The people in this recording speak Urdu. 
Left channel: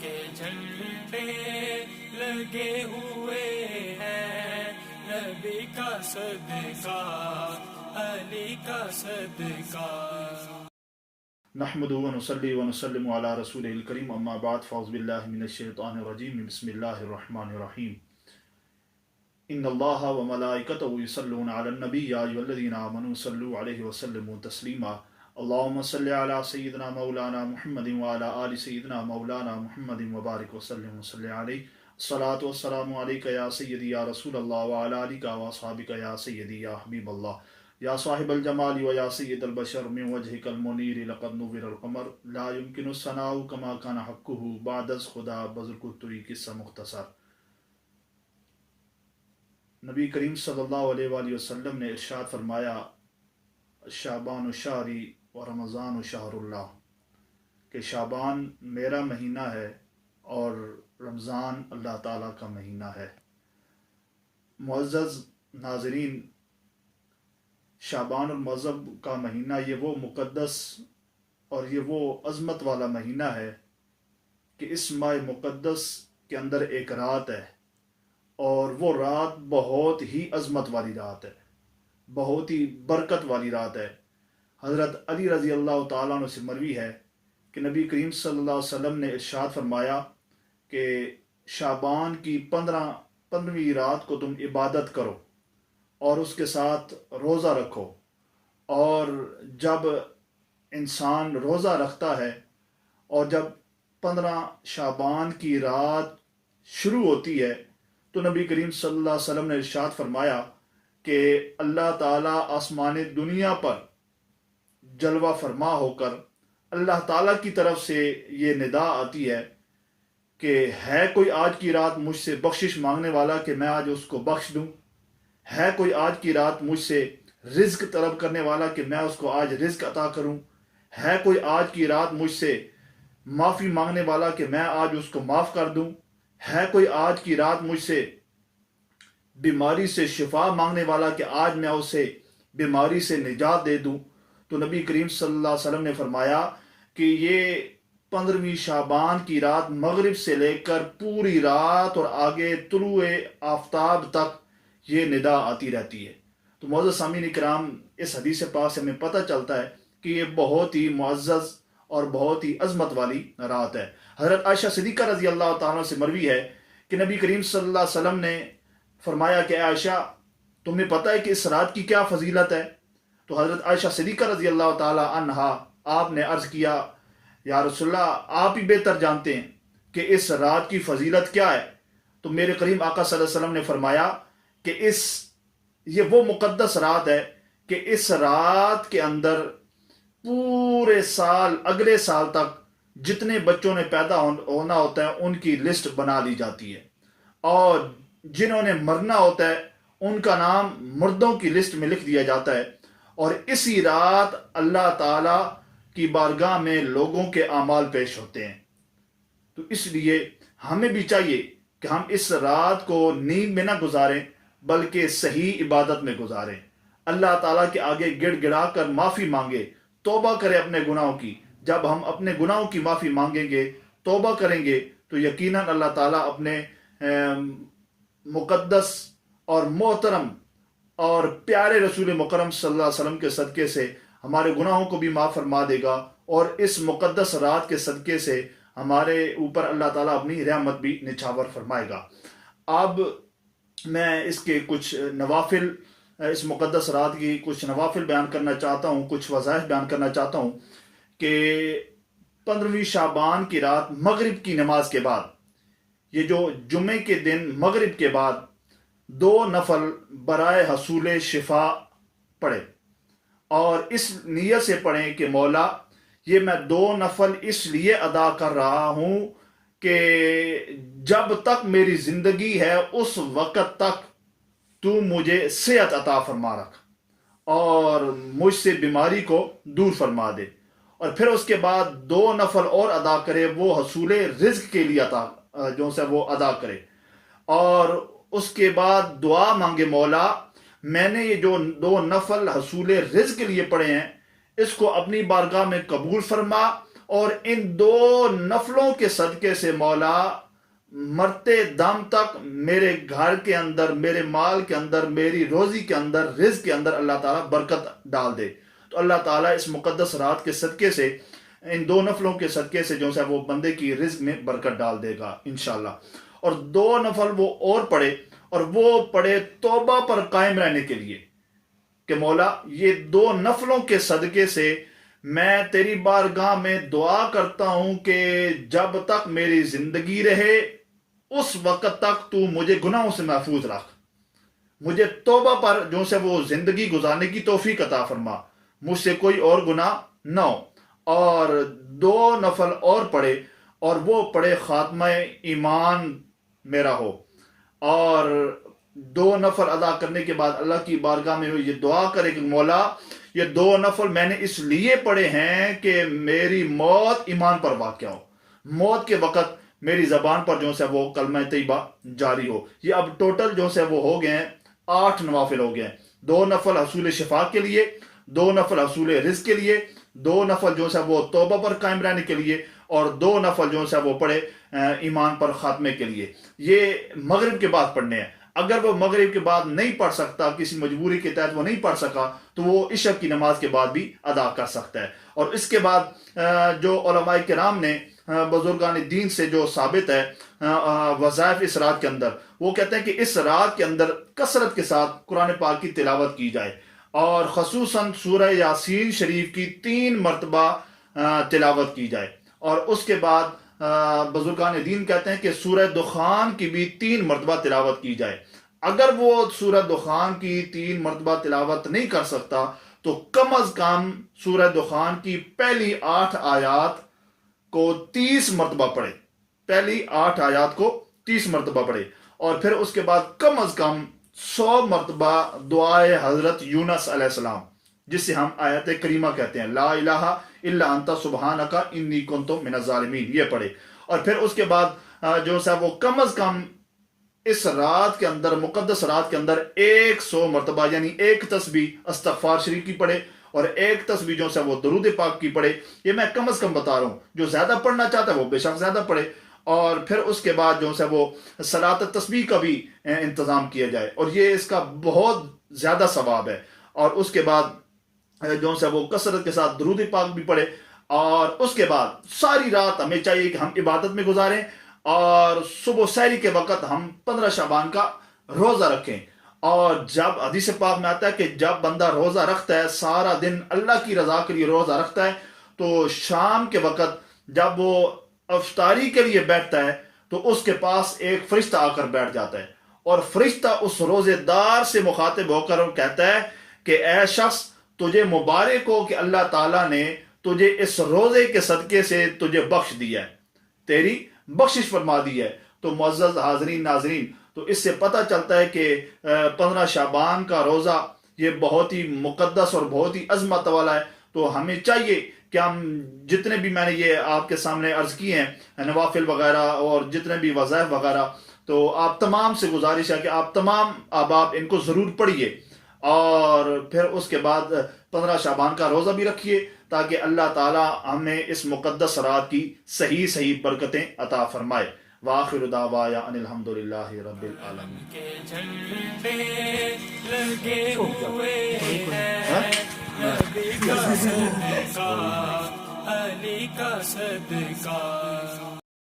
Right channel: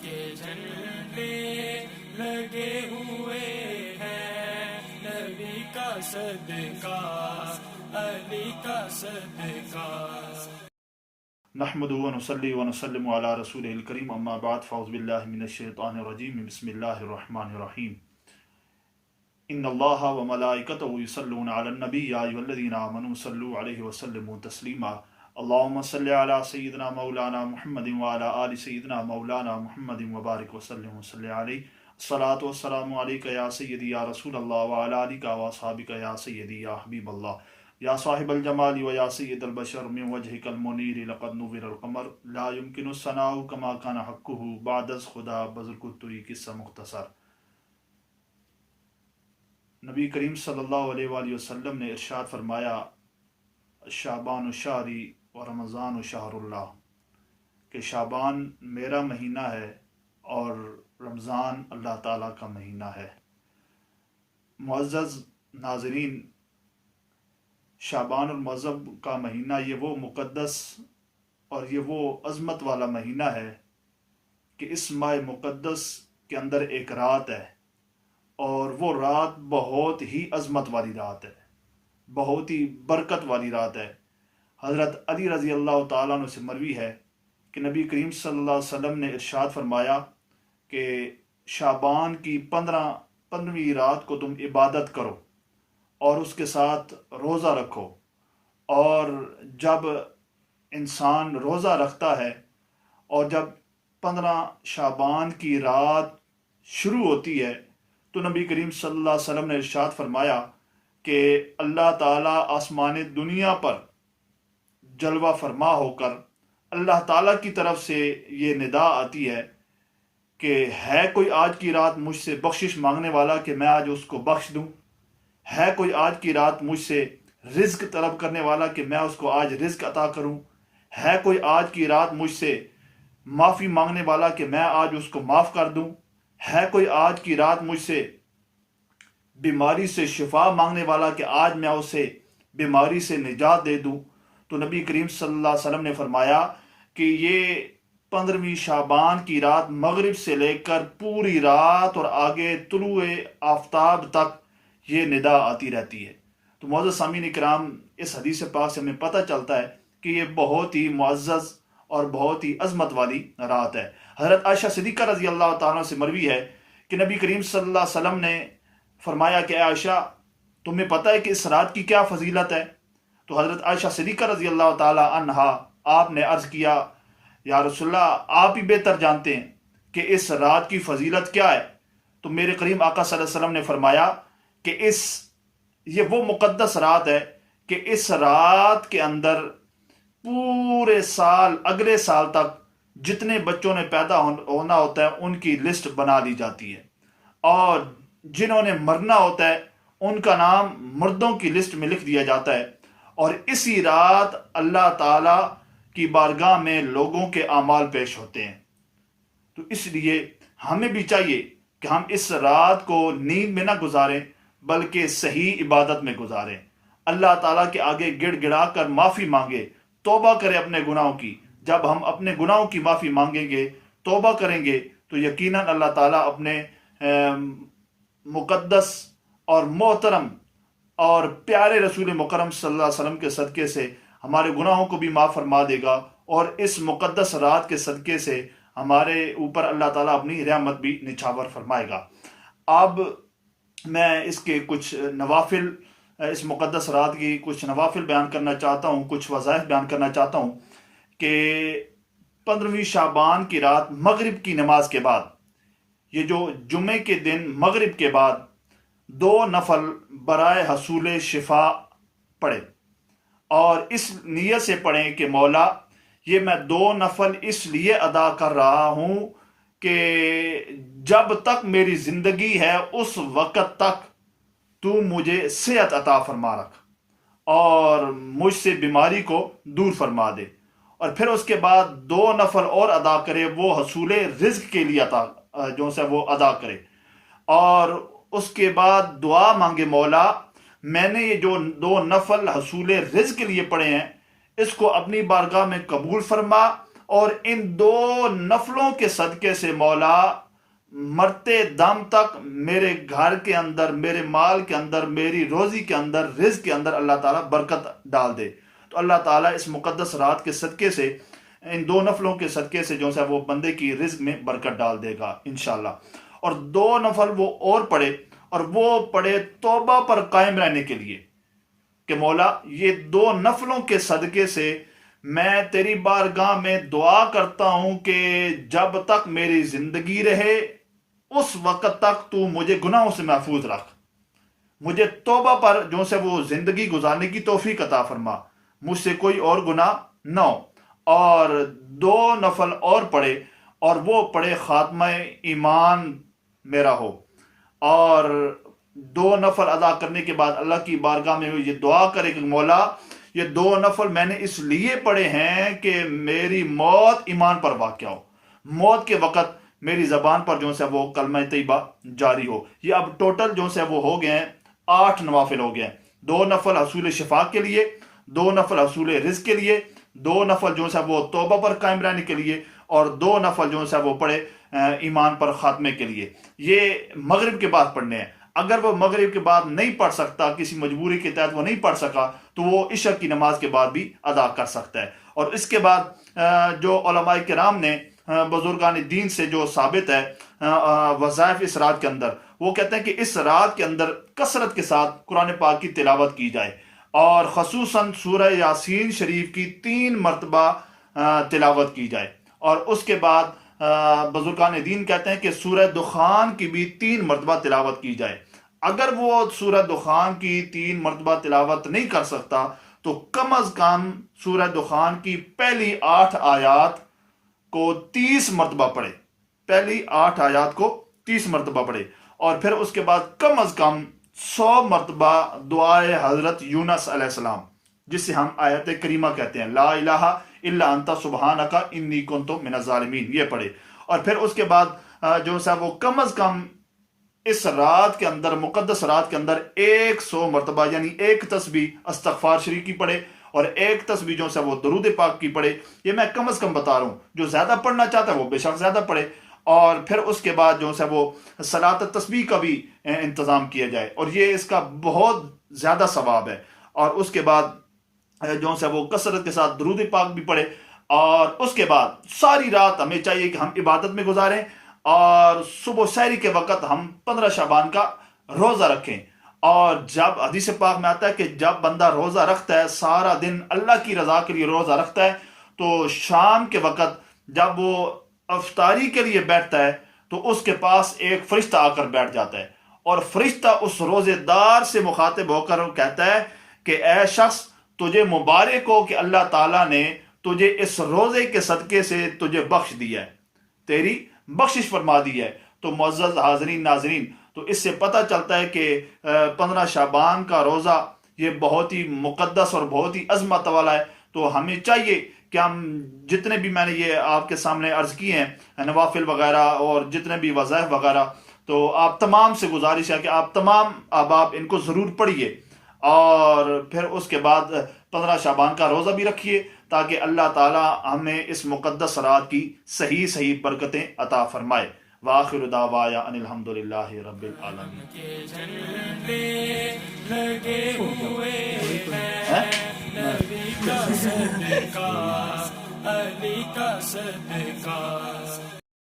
کے جھنڈے لگے ہوئے ہیں، نبی کا صدقہ، علی کا صدقہ۔ نحمد ونصلی ونسلم علی رسول الکریم، اما بعد، فاعوذ باللہ من الشیطان الرجیم، بسم اللہ الرحمن الرحیم۔ ان اللہ وملائکتہ یصلون علی النبی یا ایھا الذین آمنوا صلوا علیہ وسلموا تسلیما۔ اللہم صل علی سیدنا مولانا محمد وعلی آل سیدنا مولانا محمد وبارک وسلم وصلی علیہ۔ الصلاۃ والسلام علیک یا سیدی یا رسول اللہ وعلی آلک واصحابک یا سیدی یا حبیب اللہ، یا صاحب الجمال و یا سید البشر، من وجهک المنیر لقد نور القمر، لا يمکن الثناء کما کان حقہ بعد از خدا بزرگ الطری، قصہ مختصر۔ نبی کریم صلی اللہ علیہ وآلہ وسلم نے ارشاد فرمایا، شعبان شہری و رمضان شہر اللہ، کہ شعبان میرا مہینہ ہے اور رمضان اللہ تعالیٰ کا مہینہ ہے۔ معزز ناظرین، شعبان المعظم کا مہینہ یہ وہ مقدس اور یہ وہ عظمت والا مہینہ ہے کہ اس ماہ مقدس کے اندر ایک رات ہے، اور وہ رات بہت ہی عظمت والی رات ہے، بہت ہی برکت والی رات ہے۔ حضرت علی رضی اللہ تعالیٰ عنہ سے مروی ہے کہ نبی کریم صلی اللہ علیہ وسلم نے ارشاد فرمایا کہ شعبان کی 15ویں رات کو تم عبادت کرو اور اس کے ساتھ روزہ رکھو، اور جب انسان روزہ رکھتا ہے اور جب 15 شعبان کی رات شروع ہوتی ہے تو نبی کریم صلی اللہ علیہ وسلم نے ارشاد فرمایا کہ اللہ تعالیٰ آسمان دنیا پر جلوہ فرما ہو کر اللہ تعالیٰ کی طرف سے یہ ندا آتی ہے کہ ہے کوئی آج کی رات مجھ سے بخشش مانگنے والا کہ میں آج اس کو بخش دوں، ہے کوئی آج کی رات مجھ سے رزق طلب کرنے والا کہ میں اس کو آج رزق عطا کروں، ہے کوئی آج کی رات مجھ سے معافی مانگنے والا کہ میں آج اس کو معاف کر دوں، ہے کوئی آج کی رات مجھ سے بیماری سے شفا مانگنے والا کہ آج میں اسے بیماری سے نجات دے دوں۔ تو نبی کریم صلی اللہ علیہ وسلم نے فرمایا کہ یہ 15ویں شعبان کی رات مغرب سے لے کر پوری رات اور آگے طلوع آفتاب تک یہ ندا آتی رہتی ہے۔ تو معزز سامعین کرام، اس حدیث پاک سے ہمیں پتہ چلتا ہے کہ یہ بہت ہی معزز اور بہت ہی عظمت والی رات ہے۔ حضرت عائشہ صدیقہ رضی اللہ تعالیٰ سے مروی ہے کہ نبی کریم صلی اللہ علیہ وسلم نے فرمایا کہ عائشہ، تمہیں پتہ ہے کہ اس رات کی کیا فضیلت ہے؟ تو حضرت عائشہ صدیقہ رضی اللہ تعالیٰ عنہا آپ نے عرض کیا، یا رسول اللہ، آپ ہی بہتر جانتے ہیں کہ اس رات کی فضیلت کیا ہے۔ تو میرے کریم آقا صلی اللہ علیہ وسلم نے فرمایا کہ یہ وہ مقدس رات ہے کہ اس رات کے اندر پورے سال، اگلے سال تک جتنے بچوں نے پیدا ہونا ہوتا ہے ان کی لسٹ بنا لی جاتی ہے، اور جنہوں نے مرنا ہوتا ہے ان کا نام مردوں کی لسٹ میں لکھ دیا جاتا ہے، اور اسی رات اللہ تعالیٰ کی بارگاہ میں لوگوں کے اعمال پیش ہوتے ہیں۔ تو اس لیے ہمیں بھی چاہیے کہ ہم اس رات کو نیند میں نہ گزاریں بلکہ صحیح عبادت میں گزاریں، اللہ تعالیٰ کے آگے گڑ گڑا کر معافی مانگے، توبہ کرے اپنے گناہوں کی۔ جب ہم اپنے گناہوں کی معافی مانگیں گے، توبہ کریں گے، تو یقیناً اللہ تعالیٰ اپنے مقدس اور محترم اور پیارے رسول مکرم صلی اللہ علیہ وسلم کے صدقے سے ہمارے گناہوں کو بھی معاف فرما دے گا، اور اس مقدس رات کے صدقے سے ہمارے اوپر اللہ تعالیٰ اپنی رحمت بھی نچھاور فرمائے گا۔ اب میں اس کے کچھ نوافل، اس مقدس رات کی کچھ نوافل بیان کرنا چاہتا ہوں، کچھ وظائف بیان کرنا چاہتا ہوں کہ 15ویں شعبان کی رات مغرب کی نماز کے بعد، یہ جو جمعے کے دن مغرب کے بعد 2 نفل برائے حصول شفا پڑھے، اور اس نیت سے پڑھیں کہ مولا، یہ میں 2 نفل اس لیے ادا کر رہا ہوں کہ جب تک میری زندگی ہے اس وقت تک تو مجھے صحت عطا فرما رکھ اور مجھ سے بیماری کو دور فرما دے، اور پھر اس کے بعد 2 نفل اور ادا کرے، وہ حصول رزق کے لیے جو سے وہ ادا کرے، اور اس کے بعد دعا مانگے، مولا میں نے یہ جو 2 نفل حصول رزق کے لیے پڑھے ہیں اس کو اپنی بارگاہ میں قبول فرما اور ان 2 نفلوں کے صدقے سے مولا مرتے دم تک میرے گھر کے اندر، میرے مال کے اندر، میری روزی کے اندر، رزق کے اندر اللہ تعالیٰ برکت ڈال دے۔ تو اللہ تعالیٰ اس مقدس رات کے صدقے سے، ان 2 نفلوں کے صدقے سے جو ہے وہ بندے کی رزق میں برکت ڈال دے گا انشاءاللہ۔ اور 2 نفل وہ اور پڑھے، اور وہ پڑھے توبہ پر قائم رہنے کے لیے کہ مولا یہ 2 نفلوں کے صدقے سے میں تیری بارگاہ میں دعا کرتا ہوں کہ جب تک میری زندگی رہے اس وقت تک تو مجھے گناہوں سے محفوظ رکھ، مجھے توبہ پر جو سے وہ زندگی گزارنے کی توفیق عطا فرما، مجھ سے کوئی اور گناہ نہ ہو۔ اور 2 نفل اور پڑھے، اور وہ پڑھے خاتمہ ایمان میرا ہو۔ اور 2 نفل ادا کرنے کے بعد اللہ کی بارگاہ میں یہ دعا کرے کہ مولا یہ 2 نفل میں نے اس لیے پڑھے ہیں کہ میری موت ایمان پر واقع ہو، موت کے وقت میری زبان پر جو سے وہ کلمہ طیبہ جاری ہو۔ یہ اب ٹوٹل جو سے وہ ہو گئے ہیں 8 نوافل ہو گئے ہیں۔ 2 نفل حصول شفا کے لیے، 2 نفل حصول رزق کے لیے، 2 نفل جو سے وہ توبہ پر قائم رہنے کے لیے، اور 2 نفل جو سے وہ پڑھے ایمان پر خاتمے کے لیے۔ یہ مغرب کے بعد پڑھنے ہیں۔ اگر وہ مغرب کے بعد نہیں پڑھ سکتا، کسی مجبوری کے تحت وہ نہیں پڑھ سکا، تو وہ عشاء کی نماز کے بعد بھی ادا کر سکتا ہے۔ اور اس کے بعد جو علماء کرام نے، بزرگان دین سے جو ثابت ہے وظائف اس رات کے اندر، وہ کہتے ہیں کہ اس رات کے اندر کثرت کے ساتھ قرآن پاک کی تلاوت کی جائے، اور خصوصاً سورہ یاسین شریف کی 3 مرتبہ تلاوت کی جائے۔ اور اس کے بعد بزرگان دین کہتے ہیں کہ سورہ دخان کی بھی 3 مرتبہ تلاوت کی جائے۔ اگر وہ سورہ دخان کی 3 مرتبہ تلاوت نہیں کر سکتا تو کم از کم سورہ دخان کی پہلی 8 آیات کو 30 مرتبہ پڑھے، پہلی 8 آیات کو 30 مرتبہ پڑھے، اور پھر اس کے بعد کم از کم 100 مرتبہ دعائے حضرت یونس علیہ السلام، جس سے ہم آیت کریمہ کہتے ہیں، لا الہ الا انت سبحانک انی کنت من الظالمین، یہ پڑھے۔ اور پھر اس کے بعد جو ہے وہ کم از کم اس رات کے اندر، مقدس رات کے اندر 100 مرتبہ یعنی 1 تسبیح استغفار شریف کی پڑھے، اور 1 تسبیح جو ہے وہ درود پاک کی پڑھے۔ یہ میں کم از کم بتا رہا ہوں، جو زیادہ پڑھنا چاہتا ہے وہ بے شک زیادہ پڑھے۔ اور پھر اس کے بعد جو ہے وہ صلاۃ تسبیح کا بھی انتظام کیا جائے، اور یہ اس کا بہت زیادہ ثواب ہے۔ اور اس کے بعد جو ہے وہ کثرت کے ساتھ درود پاک بھی پڑھے، اور اس کے بعد ساری رات ہمیں چاہیے کہ ہم عبادت میں گزاریں، اور صبح سحری کے وقت ہم 15 شعبان کا روزہ رکھیں۔ اور جب حدیث پاک میں آتا ہے کہ جب بندہ روزہ رکھتا ہے، سارا دن اللہ کی رضا کے لیے روزہ رکھتا ہے، تو شام کے وقت جب وہ افطاری کے لیے بیٹھتا ہے تو اس کے پاس ایک فرشتہ آ کر بیٹھ جاتا ہے، اور فرشتہ اس روزے دار سے مخاطب ہو کر کہتا ہے کہ اے شخص، تجھے مبارک ہو کہ اللہ تعالیٰ نے تجھے اس روزے کے صدقے سے تجھے بخش دیا ہے، تیری بخشش فرما دی ہے۔ تو معزز حاضرین ناظرین، تو اس سے پتہ چلتا ہے کہ 15 شعبان کا روزہ یہ بہت ہی مقدس اور بہت ہی عظمت والا ہے۔ تو ہمیں چاہیے کہ ہم جتنے بھی میں نے یہ آپ کے سامنے عرض کیے ہیں نوافل وغیرہ اور جتنے بھی وظائف وغیرہ، تو آپ تمام سے گزارش ہے کہ آپ تمام احباب ان کو ضرور پڑھیے، اور پھر اس کے بعد 15 شعبان کا روزہ بھی رکھیے، تاکہ اللہ تعالی ہمیں اس مقدس رات کی صحیح صحیح برکتیں عطا فرمائے۔ وآخر دعوایا ان الحمدللہ رب العالمین۔ کے جھنڈے لگے ہوئے ہیں، نبی کا صدقہ، علی کا صدقہ۔